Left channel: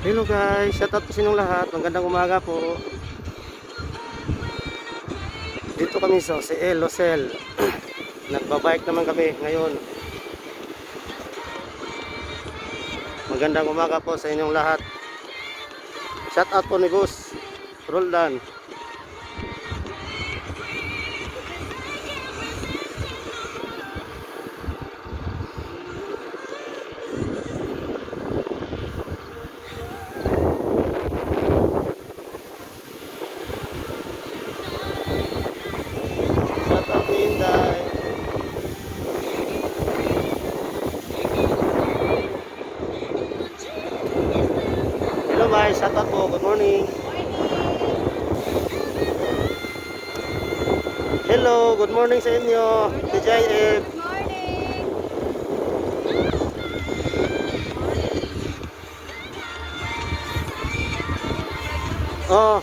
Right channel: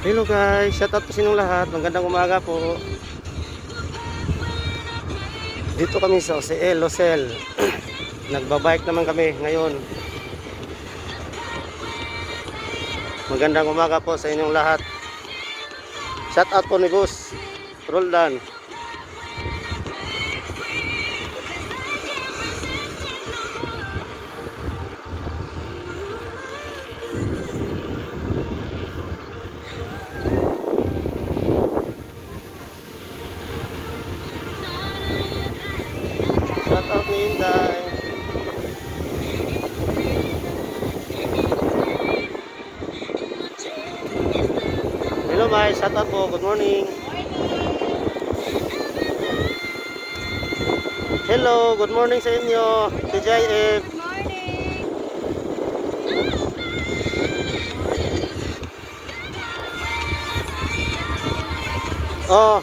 Hello guys, shout out po sa inyong lahat. Magandang umaga po. Dito kami sa OCL, Losel. Nagbabike naman kami ngayon. Magandang umaga po sa inyong lahat. Shout out po ni Boss Roldan. Shout out ni Inday. Hello Mai, shout out po. Good morning. Hello, good morning sa inyo. TJF. Oh,